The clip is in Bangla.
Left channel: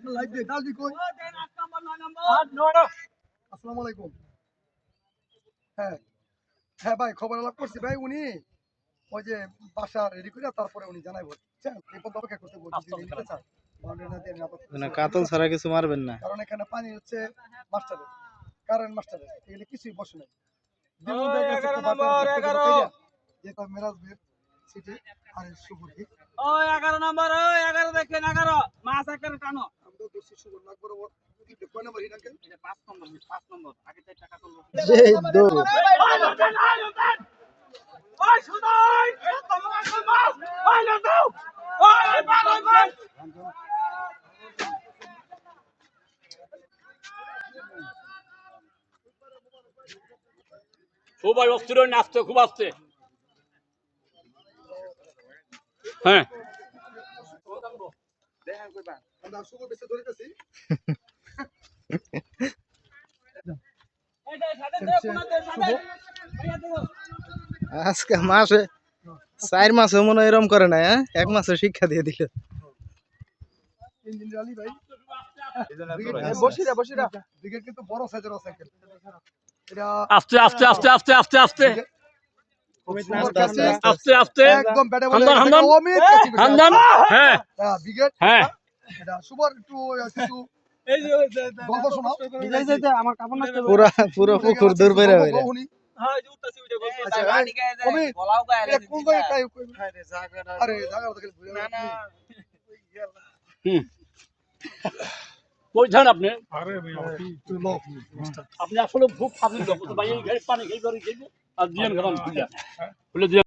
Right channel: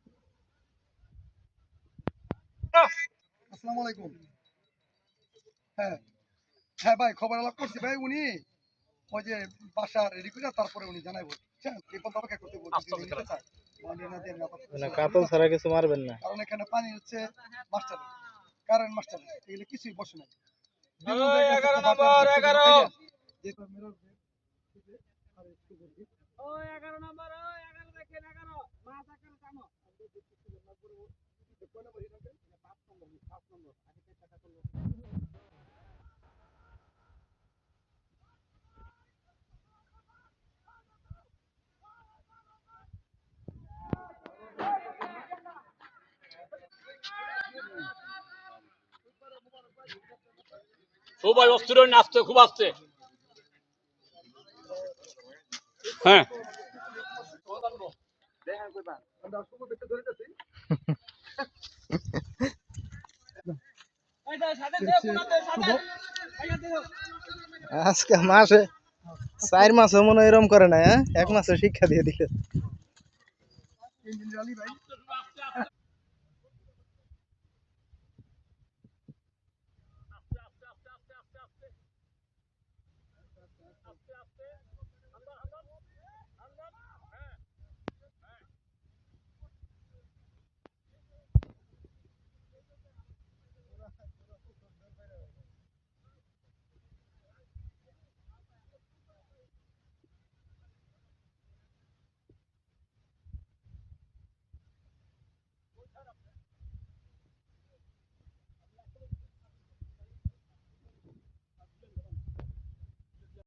একটা লাইভ দে দালদি কই আসসালামু আলাইকুম হ্যাঁ হ্যাঁ ভাই খবর আলাপ করছি ভাই উনি ওই যে বাসা রেডি করে তারপরে উনি জানাইবো বুঝছেন এই পর্যন্ত অপেক্ষা করতে বলছি যদি নিতে চান মানে কাতল ছাড়া কিছু মারবেন না কারণ এখানে পানি হচ্ছে মাস্টারের কারেন্ট মাস্টারের এগুলো কিছুই বসে নাই যেটা মেরাজ বের সিটি আর সুবর্ণী ওই 11 নম্বর ওই 11 দেখেন 11 মাছ আকারে টানো আমরা দোষী সুবর্ণ আকবর কয় নম্বর হিট আঙ্কেল 5 নম্বর আগে 4 টাকা করলো এই দৌড় ওই সুদাই তোমার মাছ ওই না দাও ওই ভাই সবাই অস্থির হয়ে নাচতে খুব আসছে হ্যাঁ আমরা সুবর্ণ বেশি ধরেতেছি এই দে সাথে দে কোনা দে সাথে আজকে মাসে 4 মাসে মনে এরকম করে না হ্যাঁ 1 মাসে শিক্ষা দিয়ে দিল ইঞ্জিন আলী ভাই বসিরা দিকে কিন্তু বড় সাইজের সাইকেল এটা আস্তে আস্তে আস্তে আস্তে আস্তে আস্তে আস্তে আস্তে একদম ব্যাটে বলে হামদান অমিত হামদান হ্যাঁ বিগেট হ্যাঁ এটা সুপার একটু কিছু এই যে গল্প শোনাও এই যে আমার কাপড় নষ্ট পুরো পুকুর দূর বের হয়ে গেল হ্যাঁ এই যে উঠতাছি ওইটা আচ্ছা গাড়ি গায় যায় বলাও গায় এটা কোন জায়গায় কাই আরে জায়গা তো খালি ভুলে না কই যান আপনি আরে ভাই আপনি আসলে খুব ফাজিল লোক ভাই এই পানি খেয়ে ধরে খেয়ে আর দিয়েন খান খুলে দিয়ে